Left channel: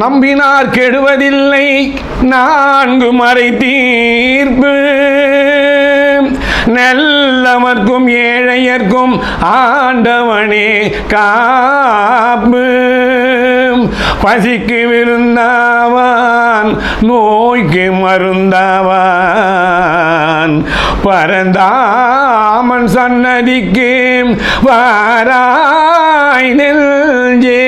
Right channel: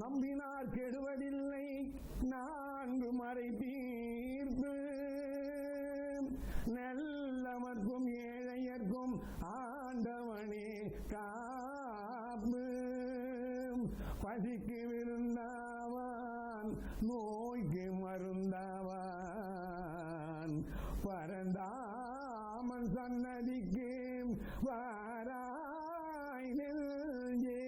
நம்பினார் கெடுவதில்லை. நான்கு மறை தீர்ப்பு. நல்லவர்க்கும் ஏழையர்க்கும் ஆண்டவனே காப்பு. பசிக்கு விருந்தாவான் நோய்க்கு மருந்தாவான். பரந்தாமன் சன்னதிக்கு வாராய் நெஞ்சே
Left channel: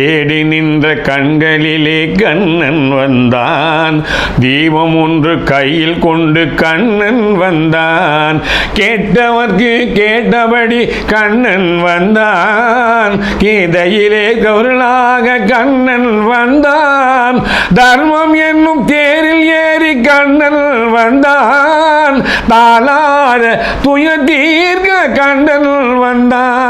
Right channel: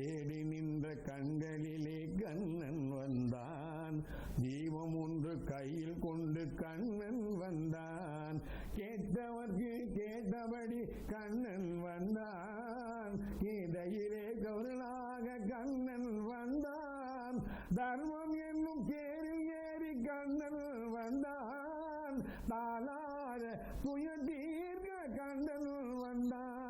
தேடி நின்ற கண்களிலே கண்ணன் வந்தான். தீபம் ஒன்று கையில் கொண்டு கண்ணன் வந்தான். கேட்டவர்க்கு கேட்டபடி கண்ணன் வந்தான். கீதையிலே கருளாக கண்ணன் வந்தான். தர்மம் என்னும் தேரில் ஏறி கண்ணன் வந்தான். தாளார துயர் தீர்க்க கண்ணன் வந்தான்.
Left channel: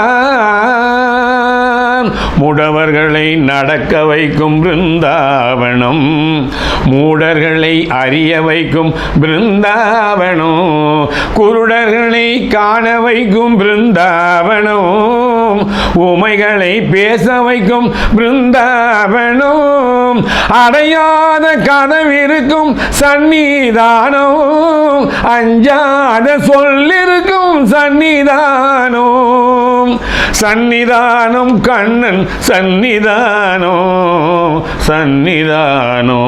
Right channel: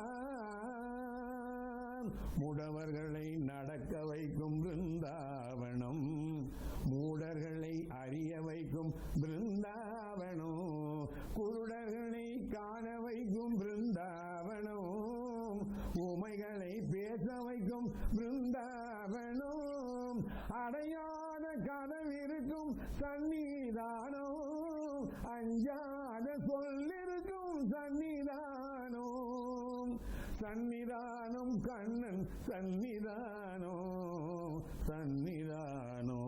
முடவர்களை நடக்க வைக்கும் பிருந்தாவனம். மூடர்களை அறிய வைக்கும் பிருந்தாவனம் குருடர்களை காண வைக்கும் பிருந்தாவனம் உமைகளை பேச வைக்கும் பிருந்தாவனம் அடையாத கதவிருக்கும் சந்நிதானம் அஞ்சாத சொல்லிருக்கும் சந்நிதானம் சந்நிதானம் கண்ணன் சந்நிதானோ சந்நிதானோ.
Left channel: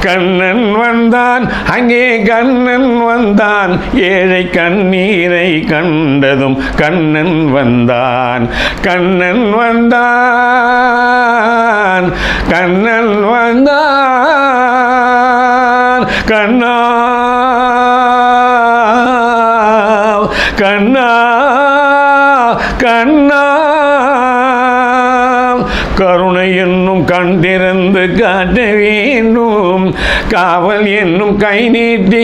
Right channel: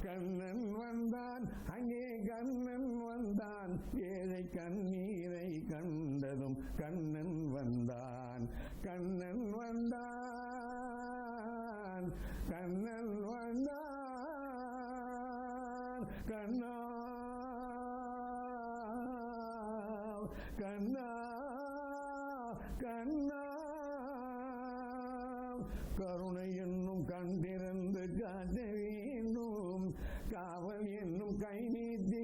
கண்ணன் வந்தான் அங்கே கண்ணன் வந்தான் ஏழை கண்ணீரை கண்டதும் கண்ணன் வந்தான். கண்ணன் வந்தான் கண்ணன் வந்தான் கண்ணா கண்ணா. கண்ணா கருணை என்னும் கண் திறந்து காட்ட வேண்டும் காவல் என்னும் கை நீட்டி